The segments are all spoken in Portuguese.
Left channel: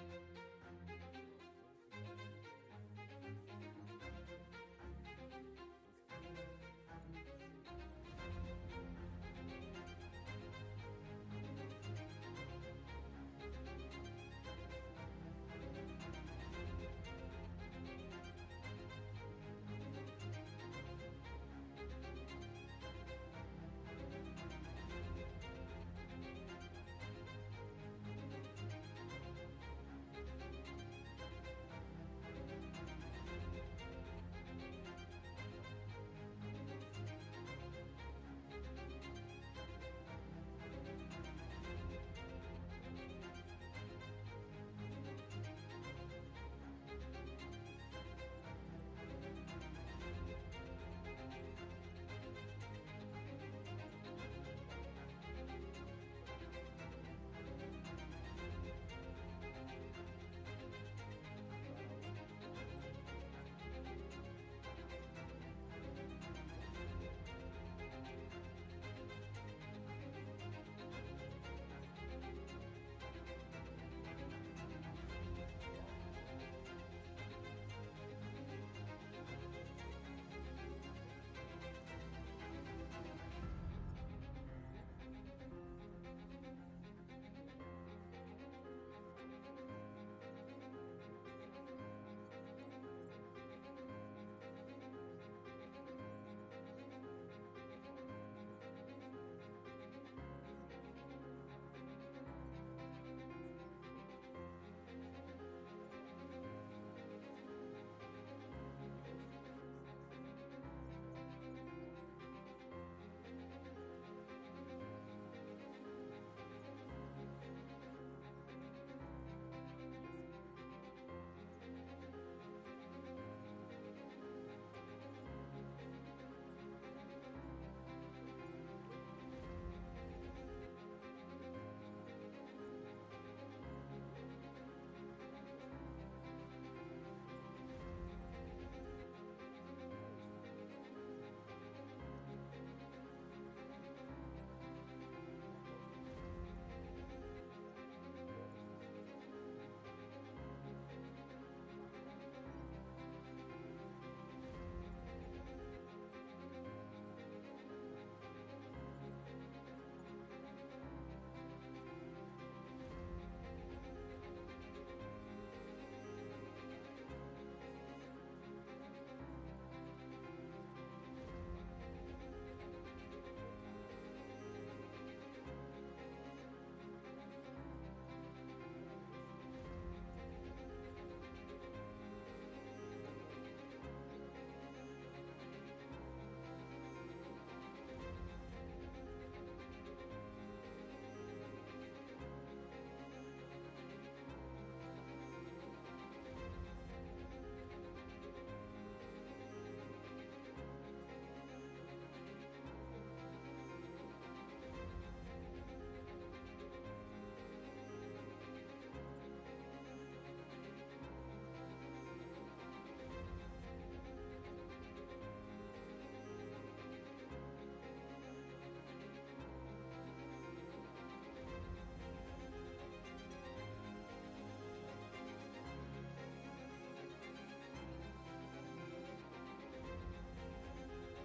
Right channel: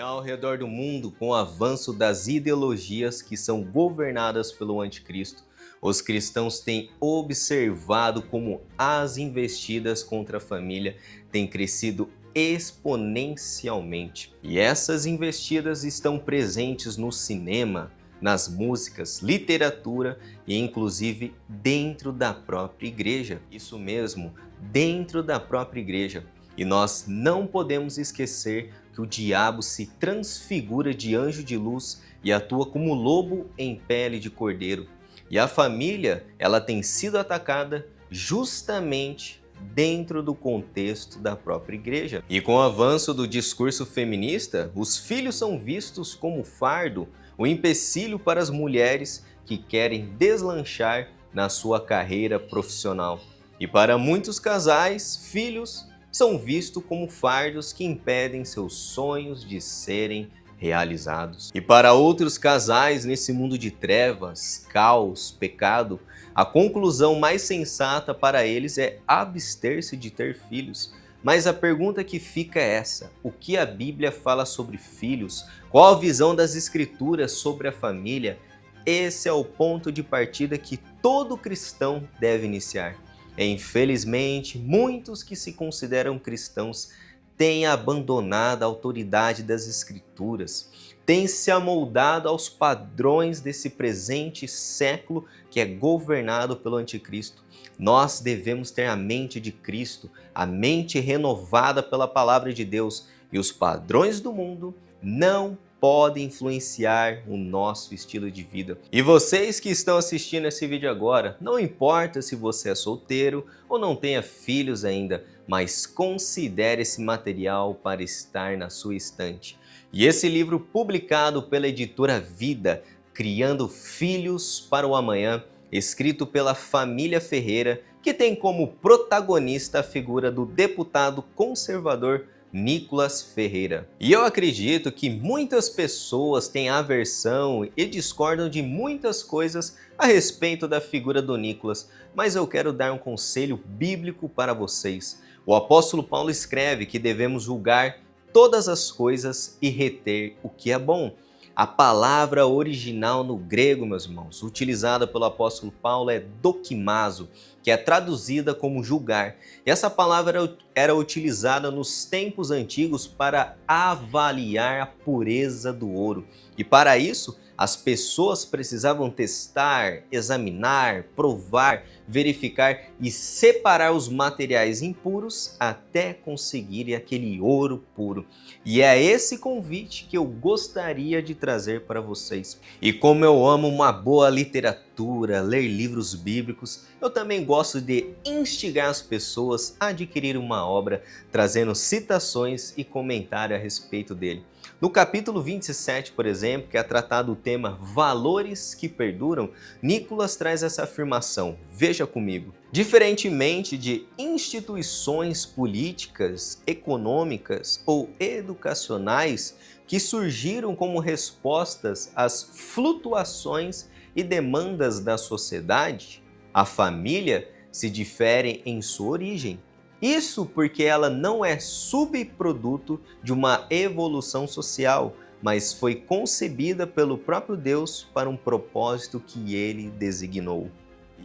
E ao redor do mundo, com o avanço das ideologias que são governadas pelo anticristo, os cristãos têm observado como as investidas contra a família têm crescido exponencialmente. E essas investidas estão presentes no cinema, nas músicas, literatura e inclusive dentro da própria igreja. Isso mesmo, dentro da própria igreja. E nós não podemos esquecer que o diabo se transfigura de anjo de luz e atua como lobo em pele de cordeiro. E a família, ela tem sido atacada justamente dentro do contexto da própria igreja. E com o avanço do discurso feminista, os filhos são vistos como fardo, o empecilho para as mulheres que querem deslanchar na sua carreira profissional. E para muitos casais, filhos são vistos como fardos que impedem seus sonhos de serem realizados. E para outros casais nesse mundo de trevas, caos, pecado, a conclusão mais sensata para eles é abster-se de ter filhos. Mas a pergunta que fica é essa: o que a Bíblia fala sobre filhos? Qual a visão das Escrituras sobre a família? Esse é o ponto de partida que todo cristão deve iniciar. Infelizmente, muitos que se consideram cristãos têm abandonado a autoridade das Escrituras, têm se amoldado aos padrões desse presente século que é governado pelo anticristo. Nós devemos ter a mente de Cristo, a mente renovada pela palavra de Deus, e os padrões do mundo não podem influenciar o nosso estilo de vida. E vocês que estão assistindo esse vídeo agora, não importa se você é solteiro ou não tenha filhos ainda, mas considere esse material para estar na sua estante. E esse livro publicado pela editora Vida, Criando Filhos para o Amanhã, escrito pela família Ferreira, que tem como protagonista a figura do deputado conservador Nicolas Ferreira. E eu acredito que muitas pessoas têm aversão e discordam de muitas coisas a respeito da figura do Nicolas, mas eu quero dar um conselho bíblico para vocês. O apóstolo Paulo escreve que devemos julgar todas as coisas e reter o que é bom. A palavra original no grego, meus irmãos, utilizada pelo apóstolo Paulo é dokimazo, que é traduzida como julgar. E essa palavra era utilizada nos tempos antigos para avaliar a pureza do ouro. E para isso, as pessoas precisavam testar, examinar, provar, verificar e separar os materiais impuros até conseguirem aquele ouro puro. E é esse convite que eu gostaria de trazer para vocês. E como eu amo uma boa literatura, ler livros bíblicos, eu também gosto de instigar as pessoas a adquirir uma obra, trazendo citações e comentário a respeito dele. No capítulo 27, por exemplo, que é tratado o tema Valores que Perduram, Nicolas traz essa afirmação. Veja comigo. Diferentemente de instituições políticas, econômicas ou educacionais que surgiram como respostas às flutuações e demandas da sociedade, a família se difere em sua origem. Isso porque ela não é subproduto de uma evolução social, mas foi concebida pelo próprio Deus para um propósito que ele designou.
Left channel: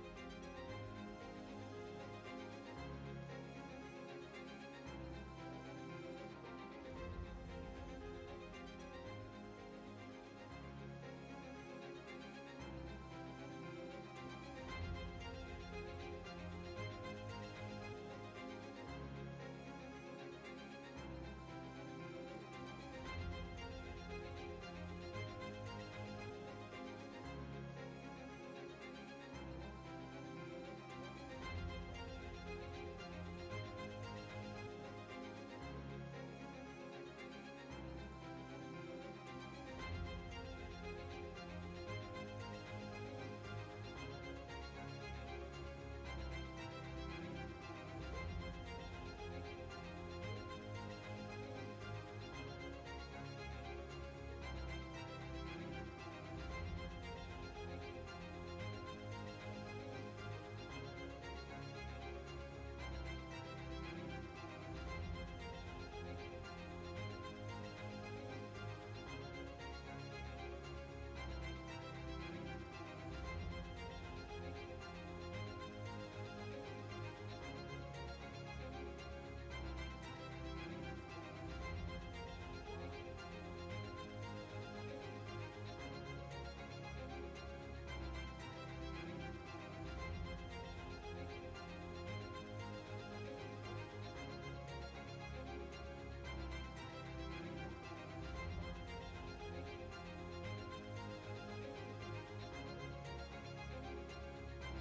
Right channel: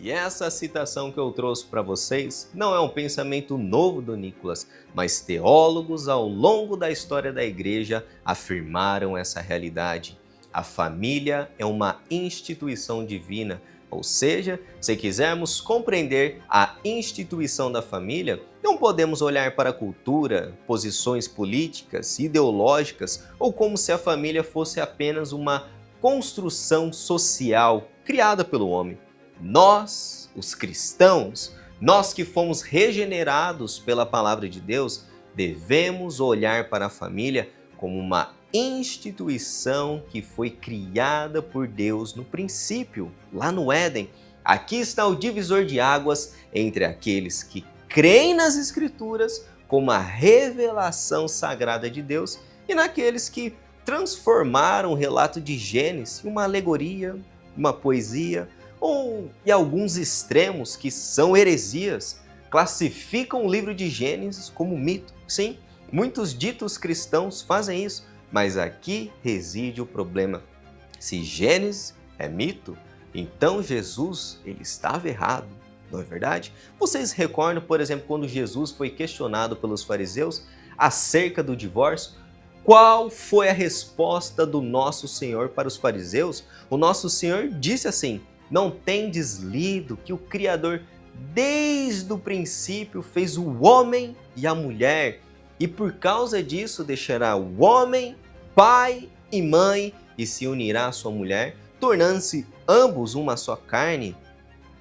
E essa citação que eu trouxe para vocês não é um pensamento novo do Nicolas, mas teólogos ao longo da história da igreja afirmaram essa realidade. A família é uma instituição divina, ou seja, se quisermos compreender a instituição da família, não podemos olhar para a cultura, posições políticas, ideológicas ou como se a família fosse apenas uma construção social criada pelo homem. Nós, os cristãos, nós que fomos regenerados pela palavra de Deus, devemos olhar para a família como uma instituição que foi criada por Deus no princípio, lá no Éden. Aqui está o divisor de águas entre aqueles que creem nas Escrituras como a revelação sagrada de Deus e naqueles que transformaram o relato de Gênesis em uma alegoria, uma poesia ou em alguns extremos que são heresias, classificam o livro de Gênesis como mito. Sim, muitos ditos cristãos fazem isso, Mas aqui reside o problema. Se Gênesis é mito, então Jesus ele estava errado, não é verdade? Vocês recordam, por exemplo, quando Jesus foi questionado pelos fariseus acerca do divórcio? Qual foi a resposta do nosso Senhor para os fariseus? O nosso Senhor disse assim: não tendes lido que o Criador desde o princípio fez o homem e a mulher, e por causa disso deixará o homem, pai e mãe, e se unirá à sua mulher, tornando-se ambos uma só carne?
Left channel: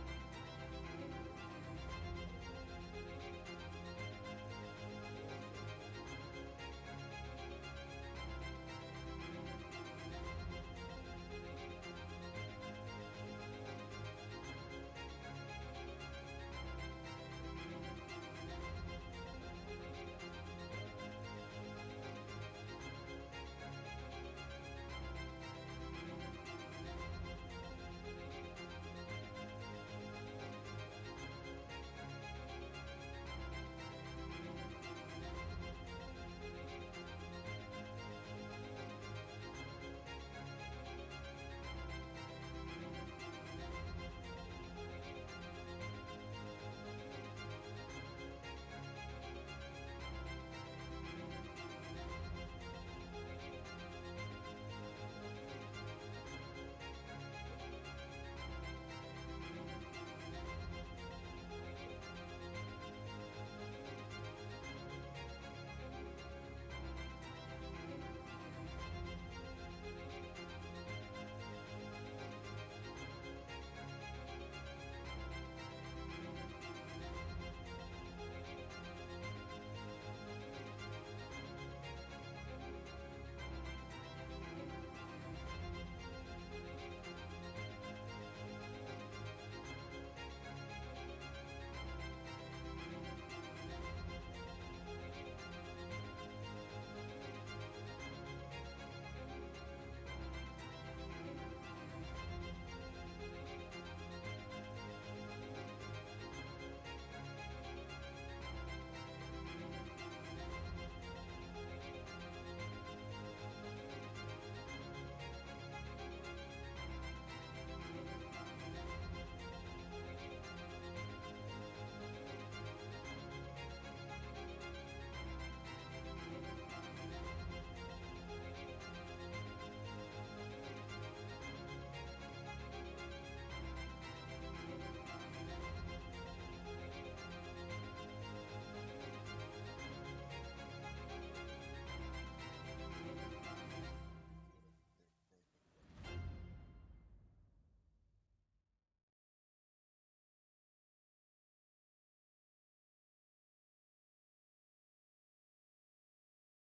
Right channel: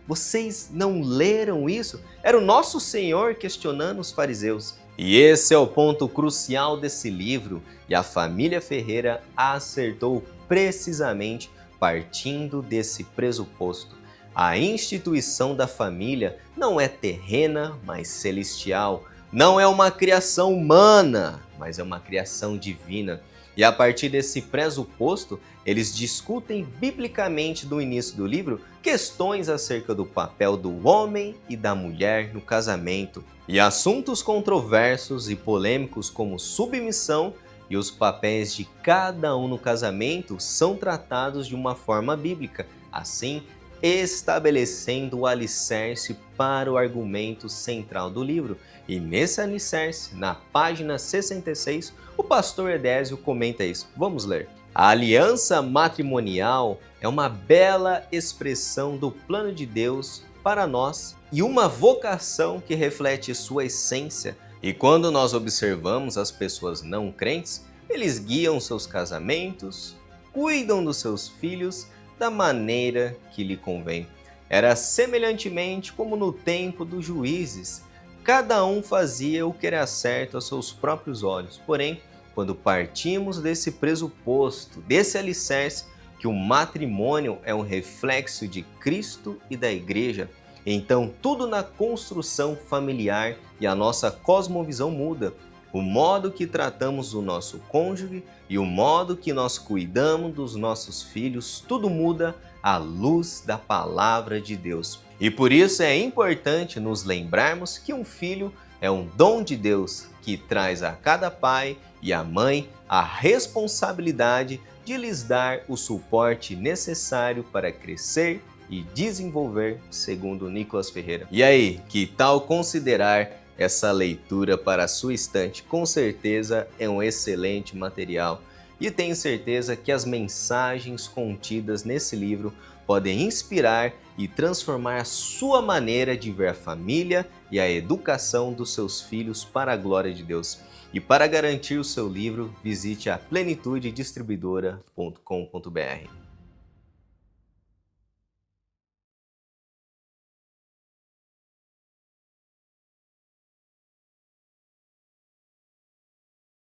Vocês não leram isso? Era o nosso Senhor questionando os fariseus. E esse é o ponto crucial desse livro, e a família Ferreira acertou precisamente partindo desse pressuposto. A instituição da família não é terrena, mas celestial. Não é uma criação humana, mas é uma criação divina. E a partir desse pressuposto, eles discutem biblicamente no início do livro questões acerca do papel do homem e da mulher no casamento, e assuntos controversos e polêmicos como submissão e os papéis de cada um no casamento são tratados de uma forma bíblica, assim estabelecendo o alicerce para o argumento central do livro. E nesse alicerce, na página 66, o pastor Edésio comenta isso. Vamos ler. A aliança matrimonial é uma bela expressão do plano de Deus para nós e uma vocação que reflete sua essência. E quando nós observamos as pessoas não crentes, eles guiam seus casamentos, cuidam dos seus filhos da maneira que lhe convém. Era semelhantemente como no tempo dos juízes. Cada um fazia o que era certo aos seus próprios olhos. Porém, quando partimos desse pressuposto, desse alicerce, que o matrimônio é um reflexo de Cristo e da Igreja, então tudo na construção familiar e a nossa cosmovisão muda. O modo que tratamos o nosso cônjuge e o modo que nós cuidamos dos nossos filhos, tudo muda à luz da palavra de Deus. E por isso é importante nos lembrarmos que um filho é um dom de Deus que traz a cada pai e a mãe a responsabilidade de lhes dar o suporte necessário para crescer e desenvolver, segundo Nicolas Ferreira. E aí, que tal considerar essa leitura para a sua estante? Com certeza é um excelente material e tenho certeza que as mensagens contidas nesse livro podem inspirar e transformar a sua maneira de ver a família e a educação dos seus filhos para a glória de Deus. E para garantir o seu livro, visite a plenitudedistribuidora.com.br.